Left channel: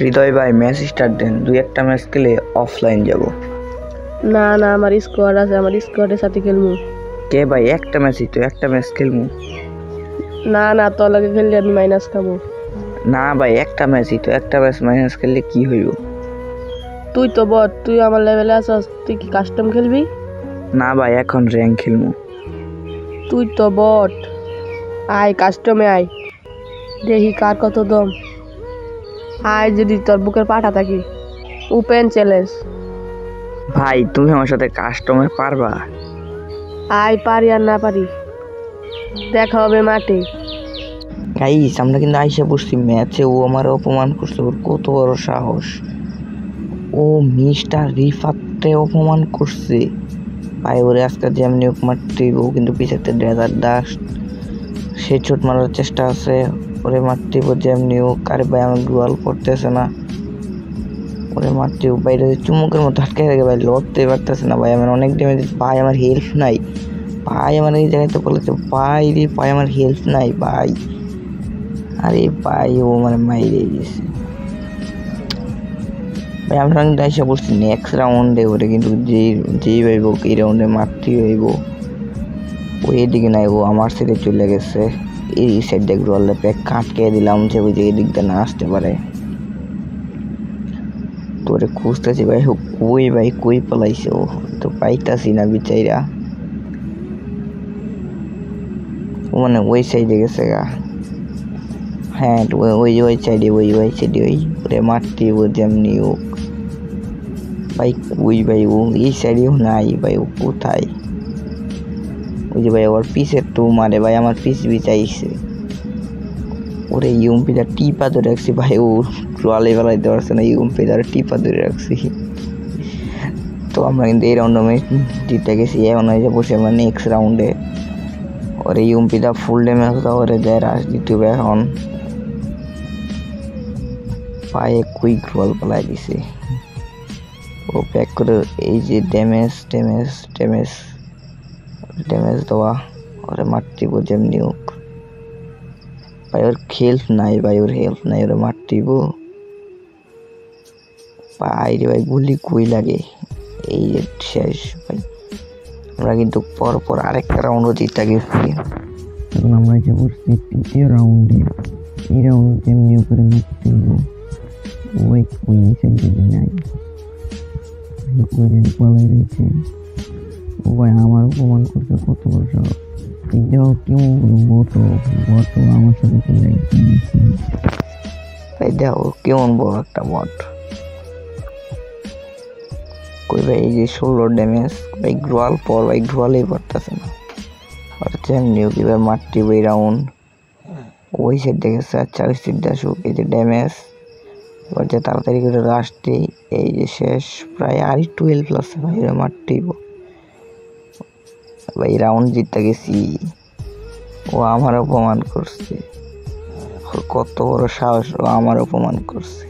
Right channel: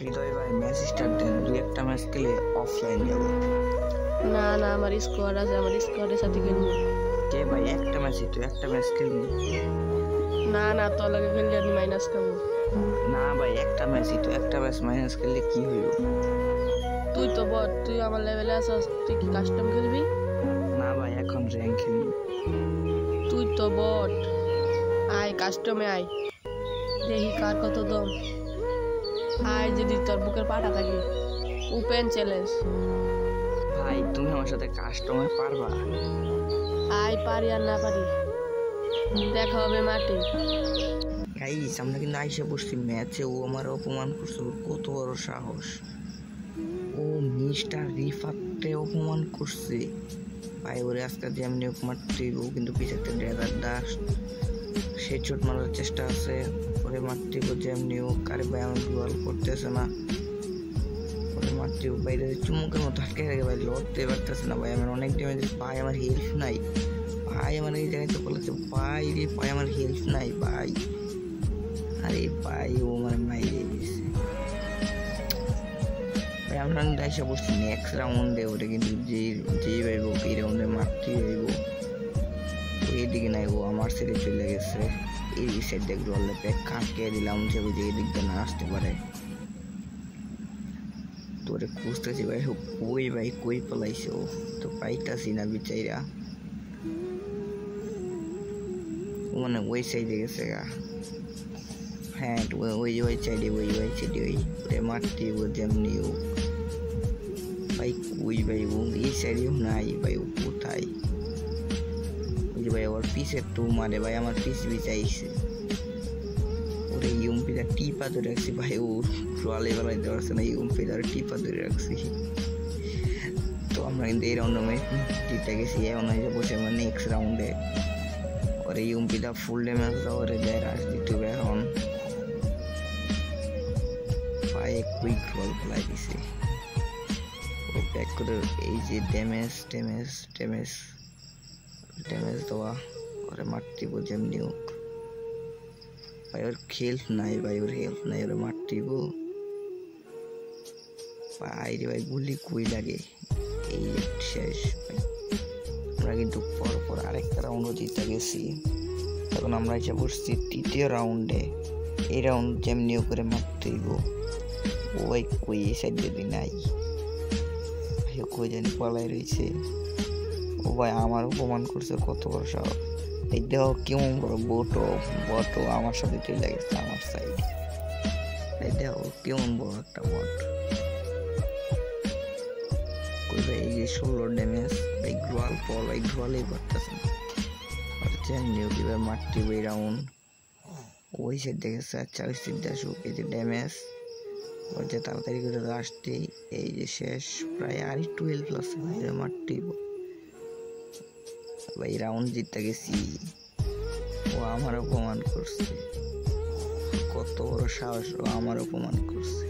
হৃদয় ভাই match start দেন, 2-1টা match খেলে offline যাব। না না, আমার স্কোয়াড আছে, আমার স্কোয়াডের সাথে খেলবো। কে ভাই, একটা ম্যাচই তো, একটা ম্যাচ খেলবো। না না, তোর লাগে খেললে আমি মাইনাস খাবো। না ভাই, একটা ম্যাচই তো, একটা ম্যাচ মাইনাস খেললে কি হইব? তুই তো বট, তুই আমার লেভেলে আছিস, তুই কি কাস্টম খেলবি? না ভাই, এখন র্যাঙ্ক খেলবো। তুই তো বট, আয় কাস্টমে আয়, দেখি কার কত দম। আয় যদি তোর বুকের পাঠা থাকি, ওপেন চ্যালেঞ্জ। ভাই তুমি আমার সাথে কাস্টমে পারবা? আয়, পারি আর না পারি দেখা হবে মাঠে। গাইস, আমরা কিন্তু আইসা বসছি ম্যাচে, ও আমার অপমান করছে, ওর কত বড় সাহস! ও মিস্টার রিফাতকে অপমান করছে ভাই। ওরে আজকে যেমনি হোক মারতে, ও কিন্তু পিছাতে ডেজার্ট ডাস্ট, সে চোট মারার চেষ্টা আছে, ওরে মারতে যেমনি হোক। আরে ভাই আমার গোয়াল করতেছে না, ওরে মারতে বাইরে চুমুকের মতো আটকে থাকে ভাই, লড়তে পারতেছে না ভাই। আমার অনেক ড্যামেজ ভাই, আমার হেল্প নাই ভাই, আমার এই জায়গায় তো বলেছে ভাই রে ভাই, আমার হেল্প নাই ভাই। আরে ভাই ও মানে মাইরে দিয়েছে ভাই। আমরা কিন্তু এসে বলছি নেক্সট রাউন্ডে ওরে কিন্তু যেই ভাইব এই রাউন্ডে মারতেই হইব। ও এদিকে নাই, ও আমার সাইডে চলে গেছে, এই সাইড দিয়ে রোল প্যাক কাটকে দিলাম যে ওই যে এদিক দিয়ে না আসতে পারে। তোরে খুঁজতেছি ভাই, কই ভাই, কই পালাইছে ও, তো পাইতাছি না বিচাইরা। ও মানে ওই সাইডে গেছে গা। হ্যাঁ ওই সাইডে, ওই সাইডে ওরে মারতে ও যেমনি হোক ভাই। কই ভাই ও, এই সাইডেও নাই ভাই, ও কোথায়? ওই যে ভাই ওর পিসের তো মারে ভাই, আমার পিস বিচাইছে। ওরে ইউমপিটা টিপা ধরে রাখছি ভাই, ও ট্রলে বেলাইতে পারছে না, ইউমপিটা টিপা ধরে রাখছি। তো আমরা কিন্তু এই রাউন্ডে ম্যাচ জিতে গেছি। এখন হয়েছে বসে আমরা নেক্সট রাউন্ডে। ওরে ইউমপিটা ফুল ড্যামেজ দাও, ওরে দেয় রাশ দিতে হবে এখন। পায়ে কুইক বল পালাই দিছে ও, প্যাক করে এই যে ড্যামেজ ড্যামেজ ড্যামেজ ড্যামেজ দেওয়া, ওরে মারতিব যেমনি হোক ভাই। ওর হেল্প নাই ভাই, ওর হেল্প নাই, ওরে মারতিব ভাই রে ভাই। গুলি কুই লাগে, এই যে শেষ ভাই। আমরা কিন্তু পরপর আরেকটা রাউন্ডও জিতে গেছি। এখন আমরা এসে বসছি তৃতীয় রাউন্ডে। এই রাউন্ড যেমনি করে মারতিব। ওই ওই এই সাইড যদি নাই, ওই জানি পালাই রয়েছে। ও ভাই আমার অপমান করছে, কত বড় সাহস! দেখো কেমন বড় বট আমার সাথে চলে গেছে আমার সাইড ভাই। দেখো কেমন বড় একটা বট। কই ভাই এই যে 16 ড্যামেজ ভাই, গ্রোয়াল পর ভাই, গ্রোয়ালেই পারতেছে না। আর যেমনি হোক এবার মারতে ওই রাউন্ড ওই সাইড দেখেছে। আচ্ছা ওই সাইডটা আসুক, এই যে ড্যামেজ এবার যে তাড়াতাড়ি করে আসতে, এই যে শেষ প্রায় আর 12 প্লাস ভাই, মারতেই ভাই। রাউন্ড জিতে গেছি। ও আমার অপমান করছে, কত বড় সাহস, ও আমার অপমান করছে।